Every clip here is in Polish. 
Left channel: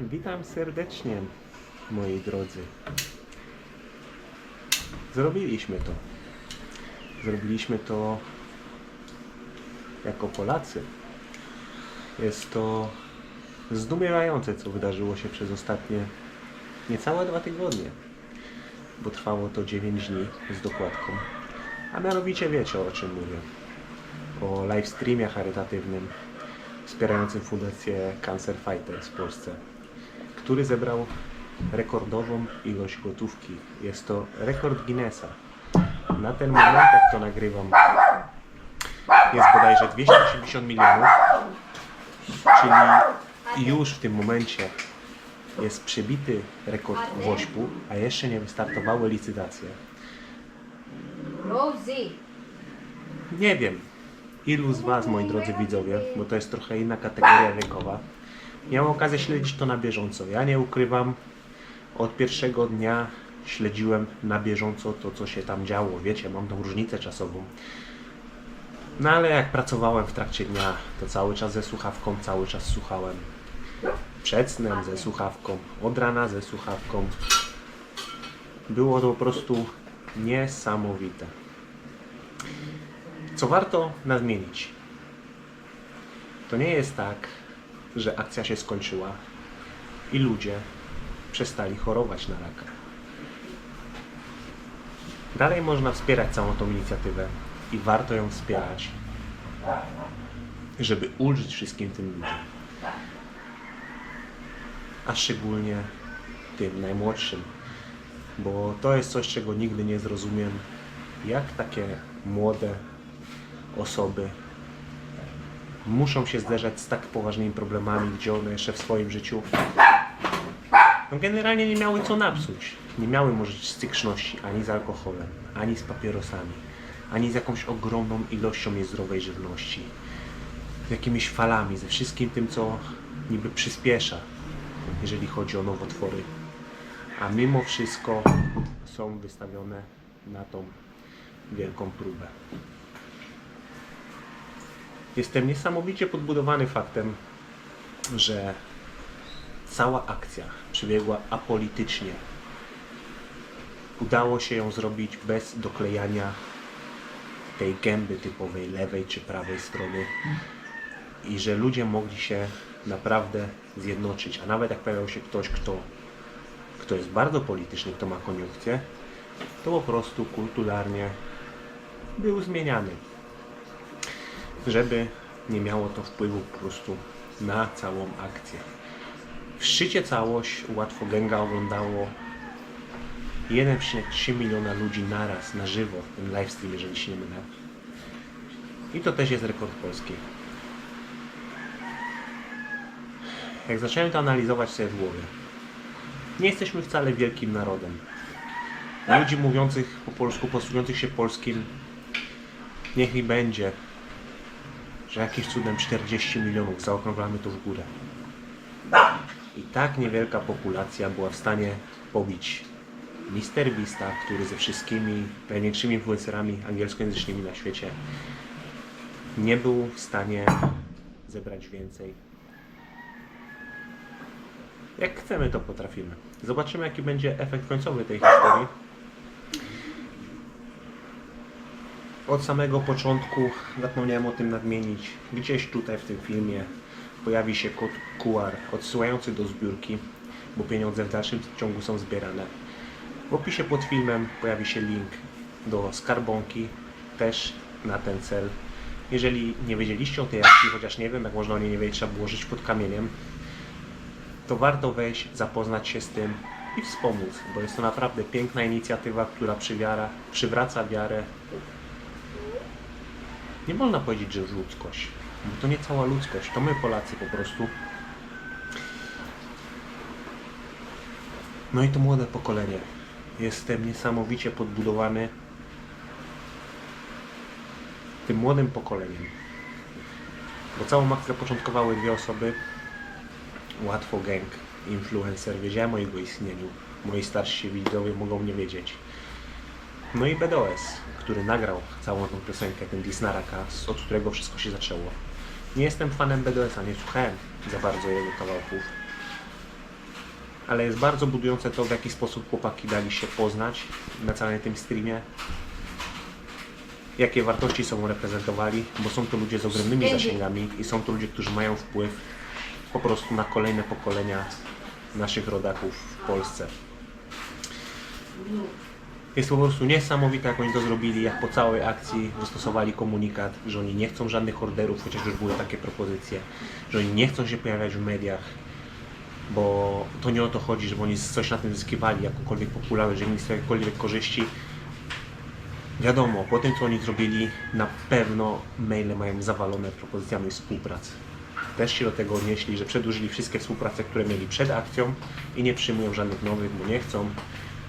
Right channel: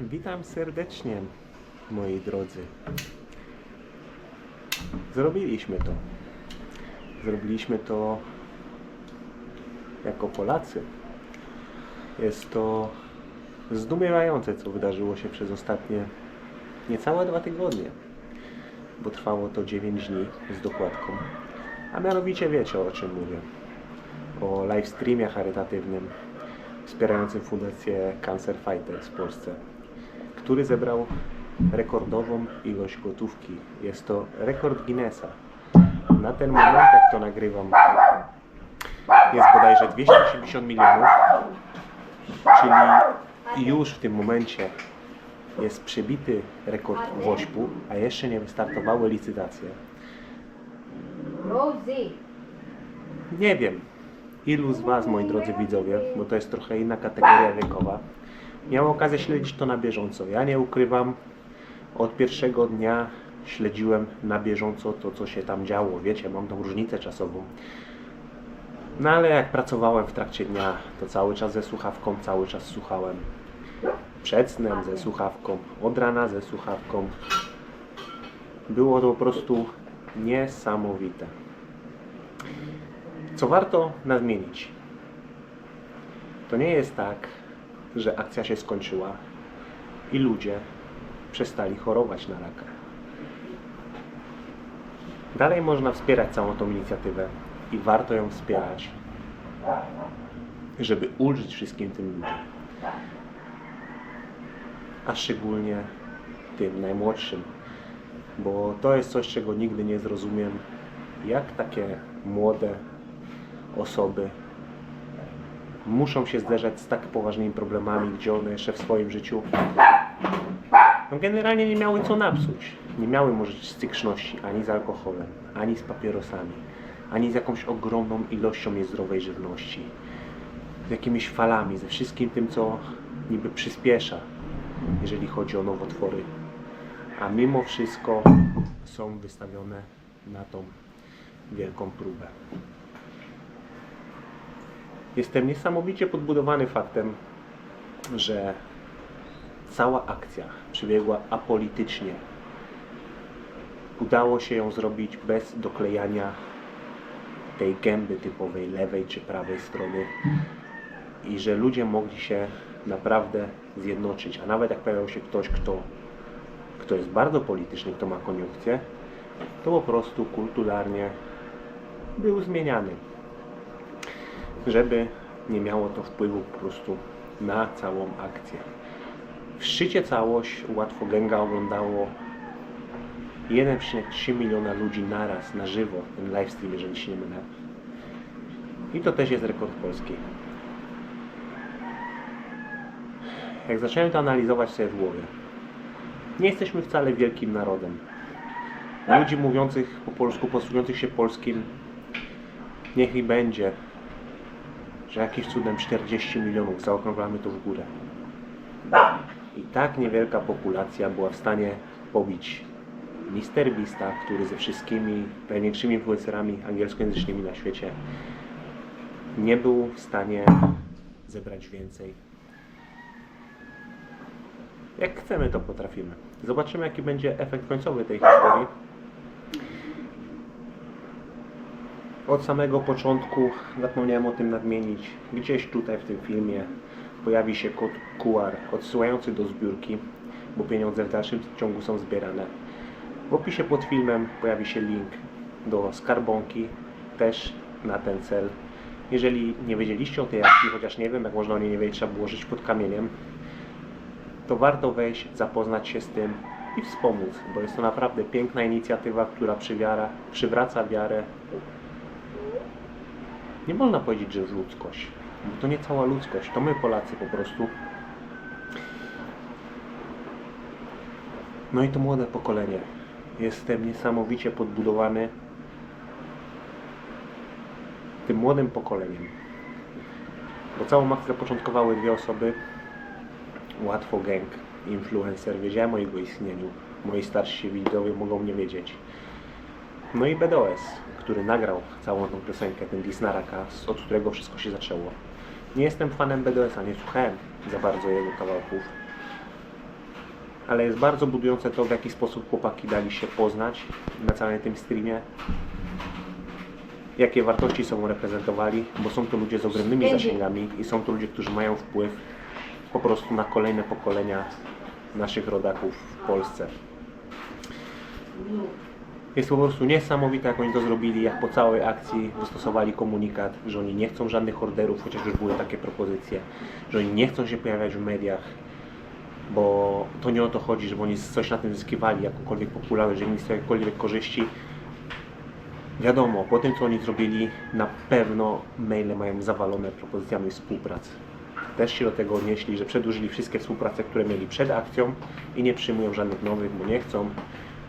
Witam serdecznie, moi drodzy. Zrobiliśmy to. Zrobiliśmy to jako Polacy. Jest to zdumiewające, co wydarzyło się przez ostatnie niecałe 2 tygodnie, bo trwało to 9 dni z dokładką. A mianowicie wiecie, o czym mówię. O live streamie charytatywnym wspierającym Fundację Cancer Fighters w Polsce, który zebrał rekordową ilość gotówki. Jest to rekord Guinnessa. Na ten moment, jak to nagrywam, jest bodajże 280 milionów, czyli już w tym momencie jest przebity rekord WOŚP-u, a jeszcze nie wystartowały licytacje. Rosie. Nie wiem, ilu z Was, moi drodzy widzowie, bo to jest trochę inna kategoria wiekowa, miało okazję śledzić to na bieżąco. Ja nie ukrywam, od pierwszego dnia śledziłem na bieżąco to, co się tam działo. Wiecie, mam tą różnicę czasową. No ale jak pracowałem w trakcie dnia, to cały czas ze słuchawką, cały czas słuchałem. Przed snem ze słuchawką, od rana ze słuchawką. Było to po prostu niesamowite. Co warto nadmienić, to nie jest tak, że akcja się skończyła i ludzie przestali chorować na raka. Dalej można wspierać całą tą inicjatywę i warto ją wspierać, żeby ulżyć wszystkim tym ludziom. A szczególnie tym najmłodszym, bo to jest coś, czego nigdy nie zrozumiem, jak takie młode osoby muszą się zderzać z tak poważnymi problemami, gdzie one jeszcze w swoim życiu generalnie nie miały co napsuć. Nie miały może styczności ani z alkoholem, ani z papierosami, ani z jakąś ogromną ilością niezdrowej żywności, z jakimiś falami, ze wszystkim tym, co niby przyspiesza, jeżeli chodzi o nowotwory. A mimo wszystko są wystawione na tą wielką próbę. Jestem niesamowicie podbudowany faktem, że cała akcja przebiegła apolitycznie. Udało się ją zrobić bez doklejania tej gęby typowej lewej czy prawej strony i że ludzie mogli się naprawdę zjednoczyć. A nawet jak pojawiał się ktoś, kto jest bardzo polityczny, kto ma koniunkcję, to po prostu kulturalnie był zmieniany, żeby nie miało to wpływu po prostu na całą akcję. W szczycie całość Łatwogęga oglądało 1,3 miliona ludzi naraz, na żywo, ten livestream, jeżeli się nie mylę. I to też jest rekord polski. Jak zacząłem to analizować sobie w głowie, nie jesteśmy wcale wielkim narodem. Ludzi mówiących po polsku, posługujących się polskim, niech i będzie, że jakimś cudem 40 milionów, zaokrąglamy to w górę. I tak niewielka populacja była w stanie pobić MrBeasta, który ze wszystkimi największymi influencerami angielskojęzycznymi na świecie nie był w stanie zebrać więcej. Jak chcemy, to potrafimy. Zobaczymy, jaki będzie efekt końcowy tej historii. Od samego początku, zapomniałem o tym nadmienić, gdzieś tutaj w tym filmie pojawi się kod QR odsyłający do zbiórki, bo pieniądze w dalszym ciągu są zbierane. W opisie pod filmem pojawi się link do skarbonki, też na ten cel. Jeżeli nie wiedzieliście o tej akcji, chociaż nie wiem, jak można o niej nie wiedzieć, trzeba było żyć pod kamieniem, to warto wejść, zapoznać się z tym i wspomóc, bo jest to naprawdę piękna inicjatywa, która przywraca wiarę. Nie można powiedzieć, że w ludzkość, bo to nie cała ludzkość, to my Polacy po prostu. No i to młode pokolenie. Jestem niesamowicie podbudowany tym młodym pokoleniem, bo całą akcję początkowały 2 osoby. Łatwogang, influencer, wiedziałem o jego istnieniu, moi starsi widzowie mogą nie wiedzieć. No i BDOS, który nagrał całą tą piosenkę, ten diss na raka, od którego wszystko się zaczęło. Nie jestem fanem BDS-a, nie słuchałem za bardzo jego kawałków, ale jest bardzo budujące to, w jaki sposób chłopaki dali się poznać na całym tym streamie. Jakie wartości sobą reprezentowali, bo są to ludzie z ogromnymi zasięgami i są to ludzie, którzy mają wpływ po prostu na kolejne pokolenia naszych rodaków w Polsce. Jest to po prostu niesamowite, jak oni to zrobili, jak po całej akcji wystosowali komunikat, że oni nie chcą żadnych orderów, chociaż już były takie propozycje, że oni nie chcą się pojawiać w mediach, bo to nie o to chodzi, żeby oni coś na tym zyskiwali, jakąkolwiek popularność, że mieli jakiekolwiek korzyści. Wiadomo, po tym co oni zrobili, na pewno maile mają zawalone propozycjami współpracy. Też się do tego odnieśli, że przedłużyli wszystkie współprace, które mieli przed akcją i nie przyjmują żadnych nowych, bo nie chcą,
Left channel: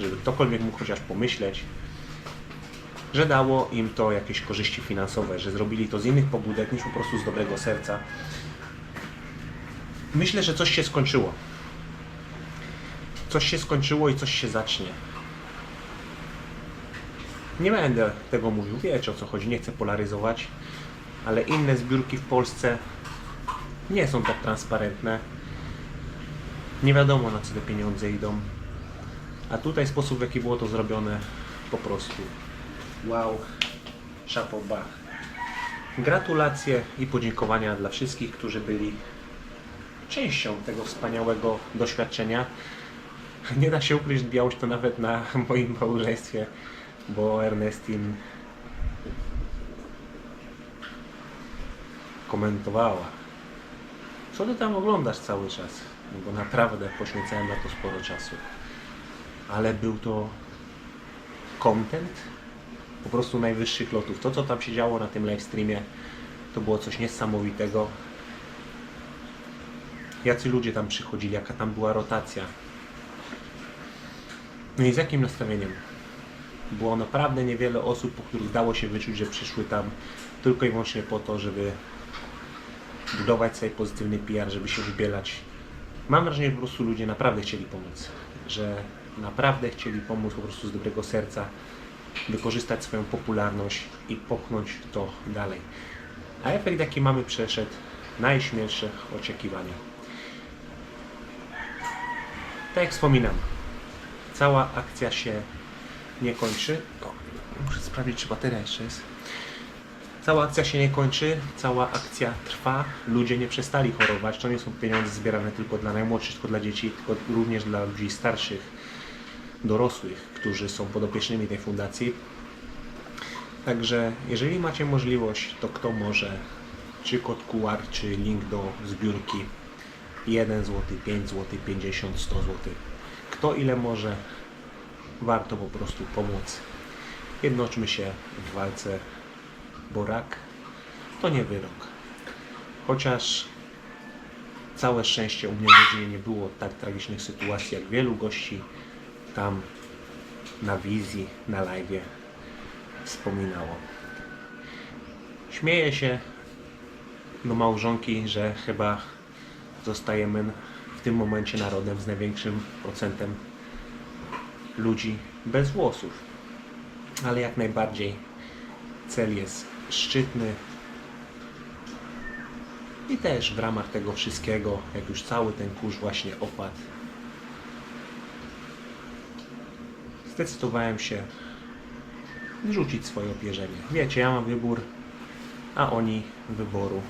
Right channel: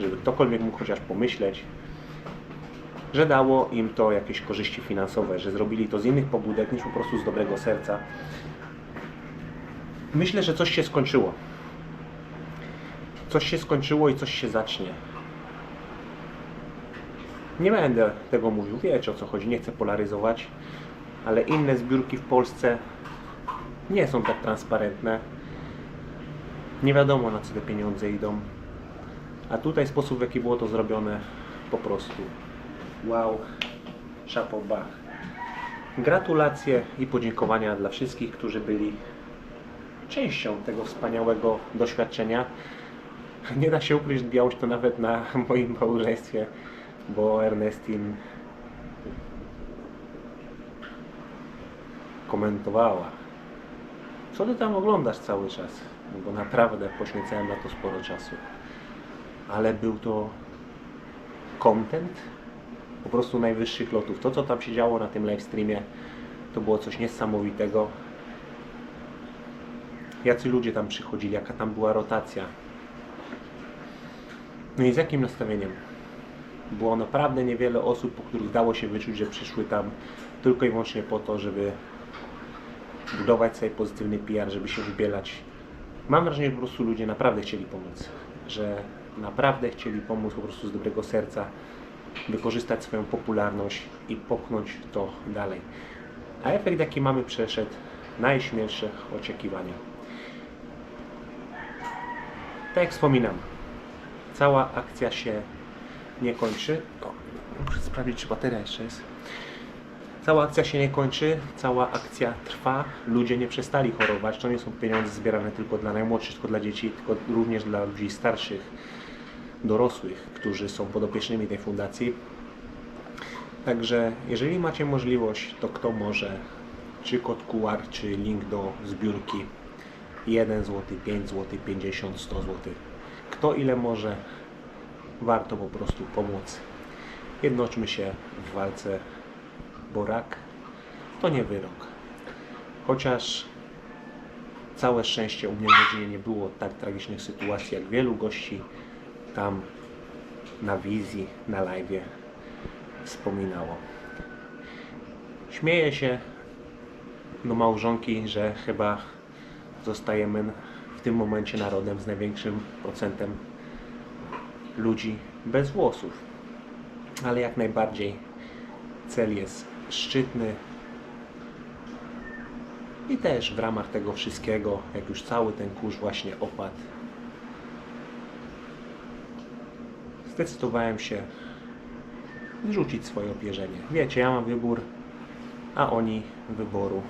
żeby ktokolwiek mógł chociaż pomyśleć, że dało im to jakieś korzyści finansowe, że zrobili to z innych pobudek niż po prostu z dobrego serca. Myślę, że coś się skończyło. Coś się skończyło i coś się zacznie. Nie będę tego mówił, wiecie o co chodzi, nie chcę polaryzować, ale inne zbiórki w Polsce nie są tak transparentne. Nie wiadomo, na co te pieniądze idą. A tutaj sposób, w jaki było to zrobione, po prostu wow, chapeau bas. Gratulacje i podziękowania dla wszystkich, którzy byli częścią tego wspaniałego doświadczenia. Nie da się ukryć, odbijało się to nawet na moim małżeństwie, bo Ernestin komentowała: co ty tam oglądasz cały czas? No bo naprawdę poświęcałem na to sporo czasu. Ale był to content po prostu najwyższych lotów. To, co tam się działo na tym livestreamie, to było coś niesamowitego. Jacy ludzie tam przychodzili, jaka tam była rotacja. No i z jakim nastawieniem? Było naprawdę niewiele osób, po których dało się wyczuć, że przyszły tam tylko i wyłącznie po to, żeby budować sobie pozytywny PR, żeby się wybielać. Mam wrażenie, że po prostu ludzie naprawdę chcieli pomóc. Że naprawdę chcieli pomóc po prostu z dobrego serca, wykorzystać swoją popularność i popchnąć to dalej. A efekt, jaki mamy, przeszedł najśmielsze oczekiwania. Tak jak wspominam, cała akcja się nie kończy. O, muszę sprawdzić, czy bateria jeszcze jest. Cała akcja się nie kończy, cała akcja trwa. Ludzie nie przestali chorować. To nie są pieniądze zbierane tylko dla najmłodszych, tylko dla dzieci, tylko również dla ludzi starszych, dorosłych, którzy są podopiecznymi tej fundacji. Także jeżeli macie możliwość, to kto może, czy kod QR, czy link do zbiórki, 1 zł, 5 zł, 50, 100 zł. Kto ile może, warto po prostu pomóc. Jednoczmy się w walce, bo rak to nie wyrok. Chociaż całe szczęście u mnie w rodzinie nie było tak tragicznych sytuacji, jak wielu gości tam na wizji, na live'ie wspominało. Śmieję się do małżonki, że chyba zostajemy w tym momencie narodem z największym procentem ludzi bez włosów. Ale jak najbardziej cel jest szczytny i też w ramach tego wszystkiego, jak już cały ten kurz właśnie opadł, zdecydowałem się wyrzucić swoje opierzenie. Wiecie, ja mam wybór, a oni wyboru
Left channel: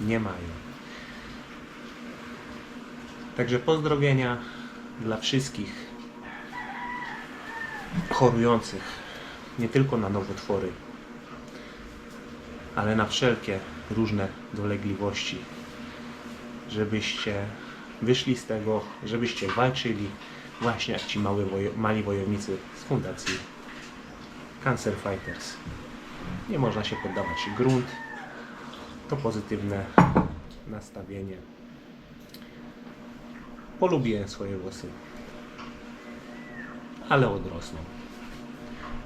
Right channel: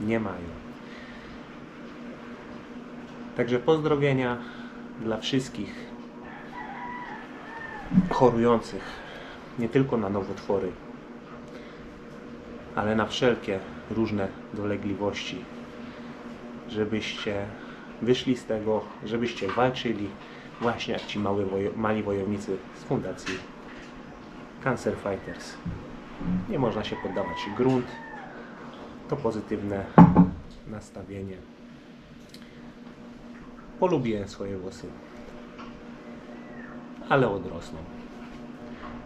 nie mają. Także pozdrowienia dla wszystkich chorujących, nie tylko na nowotwory, ale na wszelkie różne dolegliwości, żebyście wyszli z tego, żebyście walczyli właśnie jak ci mali wojownicy z fundacji Cancer Fighters. Nie można się poddawać. Grunt to pozytywne nastawienie. Polubiłem swoje włosy, ale odrosną.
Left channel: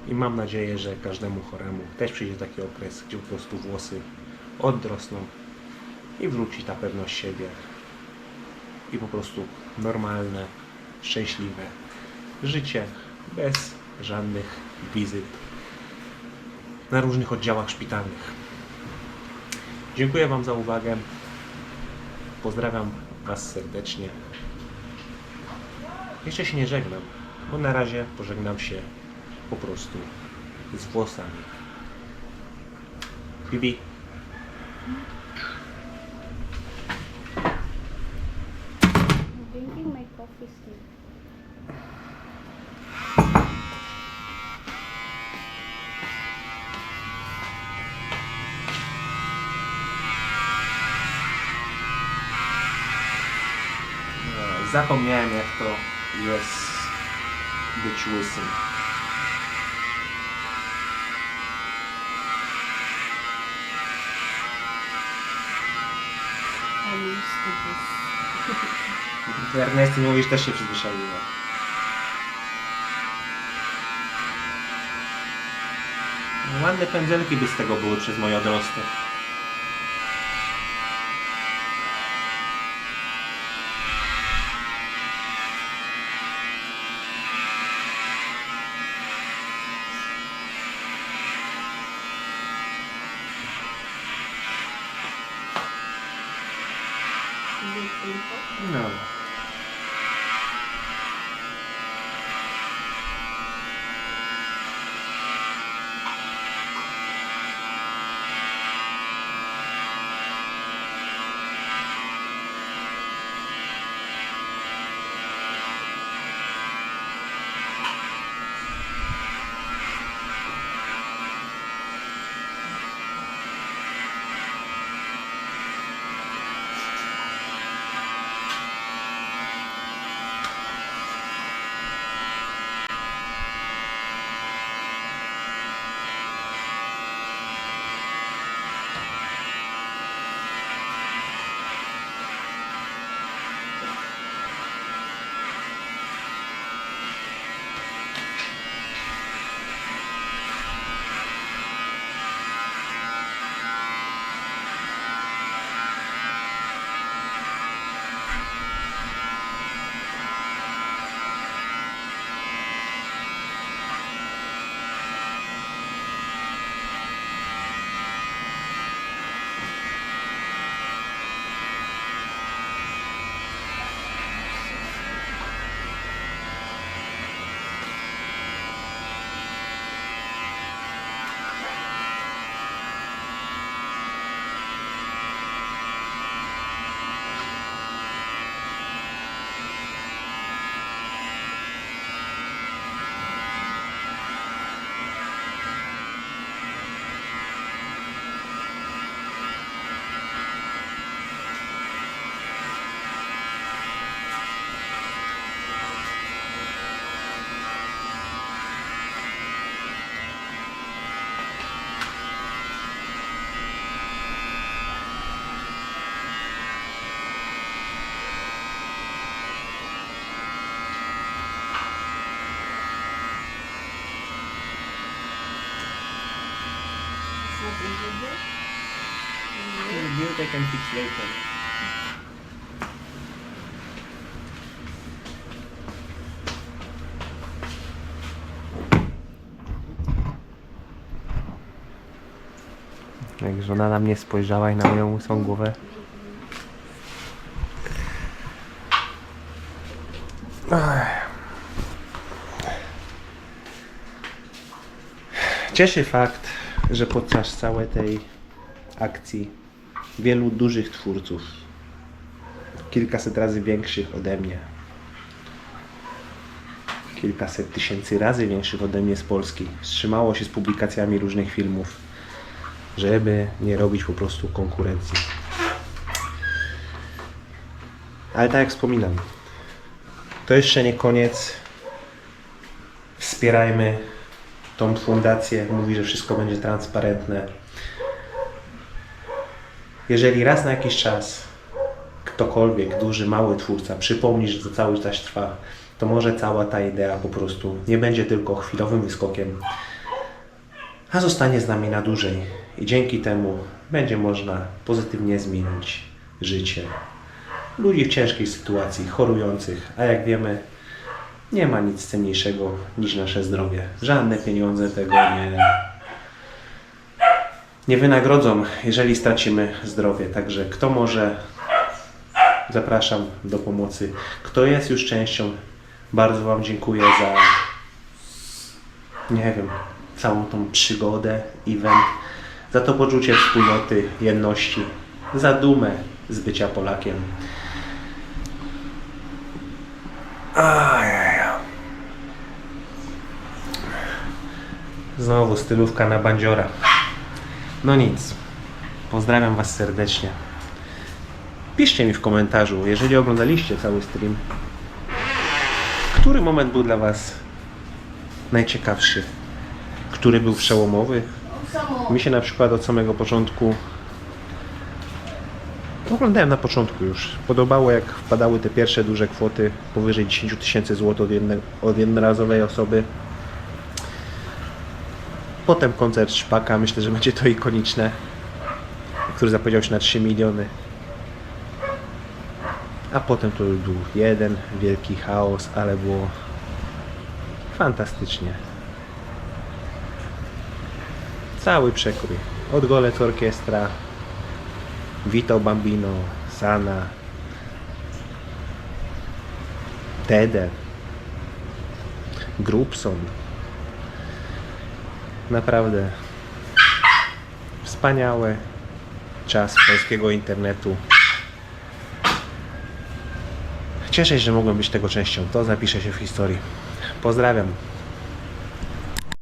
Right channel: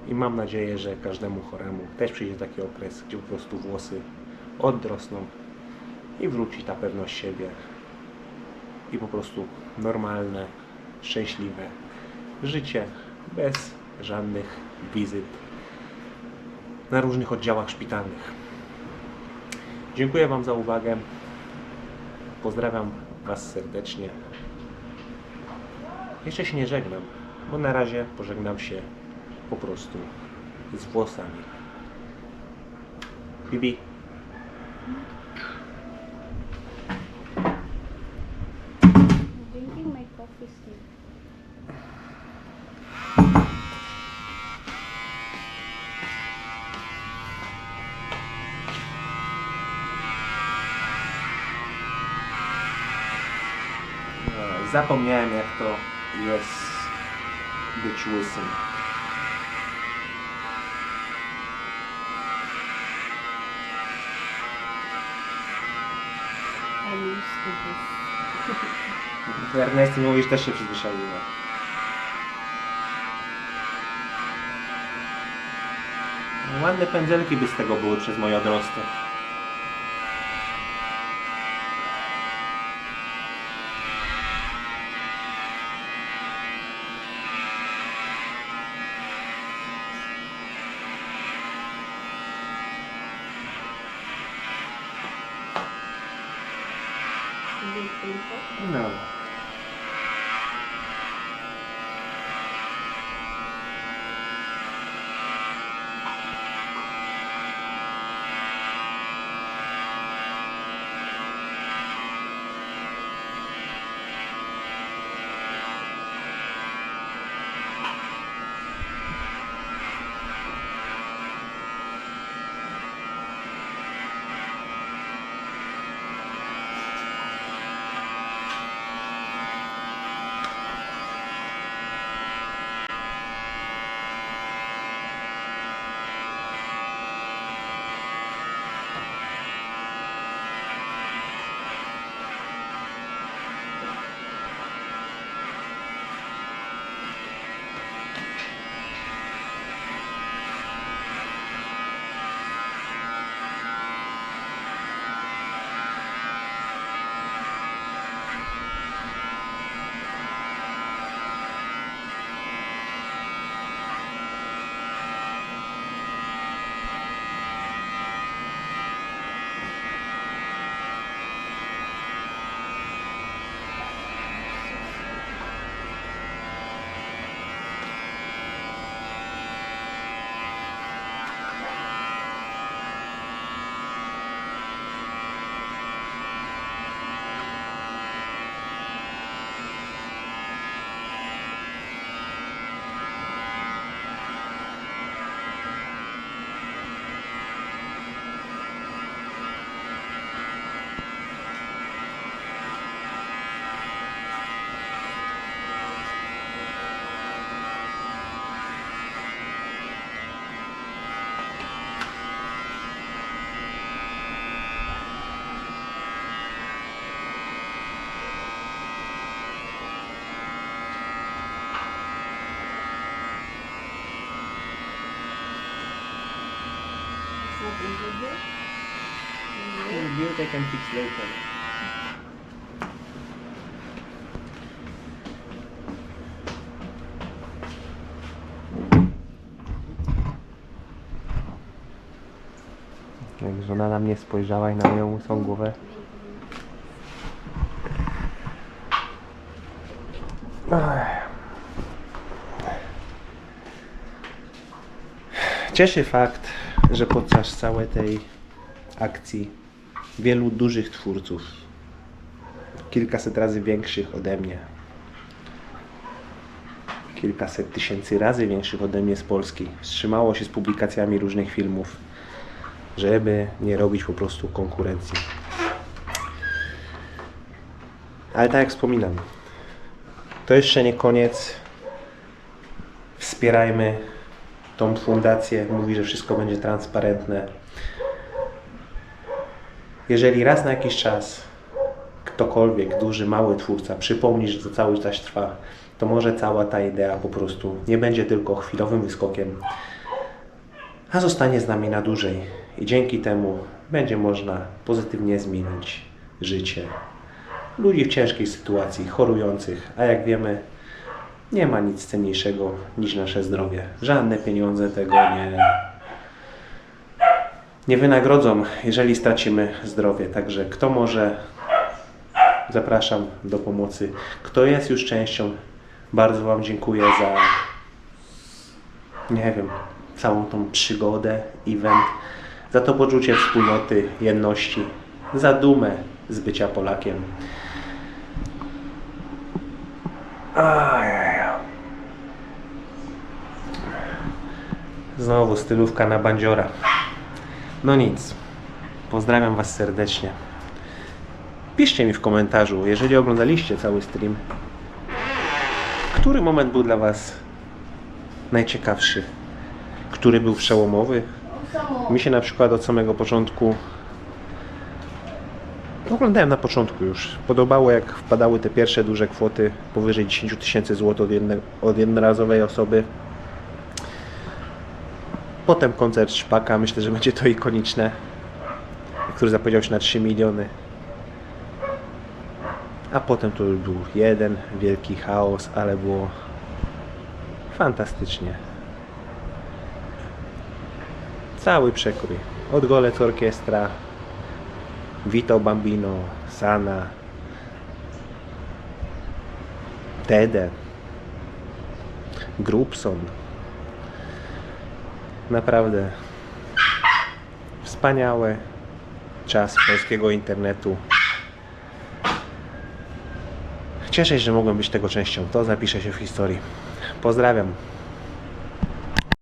I mam nadzieję, że każdemu choremu też przyjdzie taki okres, gdzie po prostu włosy odrosną i wróci ta pewność siebie i po prostu normalne, szczęśliwe życie bez żadnych wizyt na różnych oddziałach szpitalnych. Dziękuję Wam za uwagę. Pozdrawiam Was serdecznie Jeszcze się nie żegnam, bo na razie pożegnam się po prostu z włosami. Bibi. Drinking my coffee still. Zapomniałem, jak to jest być łysym. I'm used to this. Ernesty, mówisz, też się przyzwyczaiła. Ładne pędzelki by z tego były przez moje odrosty. Is it painful? No. It's not injured here? Build I can fix later. Jak żona na mnie spojrzała i na moją łysą głowę. Cieszy fakt, że podczas całej tej akcji wielu dużych twórców, kilkaset razy większych ode mnie, kilkaset tysięcy razy większych ode mnie z Polski, wstrzymało się z publikacjami różnych filmów, żeby nie robić po prostu konkurencji. Ale tak jak wspominam, to jeszcze nie koniec. Wspierajmy tą fundację. Mówi, że wszystko będzie transparentne. Jeżeli raz na jakiś czas ktokolwiek, duży, mały twórca przypomni, że to cały czas trwa, to może cała ta idea po prostu nie będzie tylko chwilowym wyskokiem, a zostanie z nami na dłużej. I dzięki temu będzie można pozytywnie zmienić życie ludzi w ciężkiej sytuacji, chorujących, a jak wiemy, nie ma nic cenniejszego niż nasze zdrowie. Żadne pieniądze tego nie wynagrodzą, jeżeli stracimy zdrowie. Także kto może, zapraszam do pomocy. Kto jest już częścią Bardzo Wam dziękuję za, nie wiem, całą tą przygodę, event, za to poczucie wspólnoty, jedności, za dumę z bycia Polakiem. Znowu stylówka na bandziora. No nic. Pozdrawiam Was serdecznie. Piszcie mi w komentarzu, jeżeli oglądaliście cały stream, który moment był dla Was najciekawszy? Który był przełomowy? Mi się na przykład od samego początku, oglądałem na początku już, podobało jak wpadały te pierwsze duże kwoty powyżej 10 tysięcy złotych od jednorazowej osoby. Potem koncert Szpaka, myślę, że będzie to ikoniczne, który zapowiedział się na 3 miliony. A potem to już był jeden wielki chaos, ale było fantastycznie. Cały przekrój. Od Golec Orkiestra, Vito Bambino, Sana, Tede, Grubson. Naprawdę wspaniały czas polskiego internetu. Cieszę się, że mogłem być tego częścią. To zapisze się w historii. Pozdrawiam.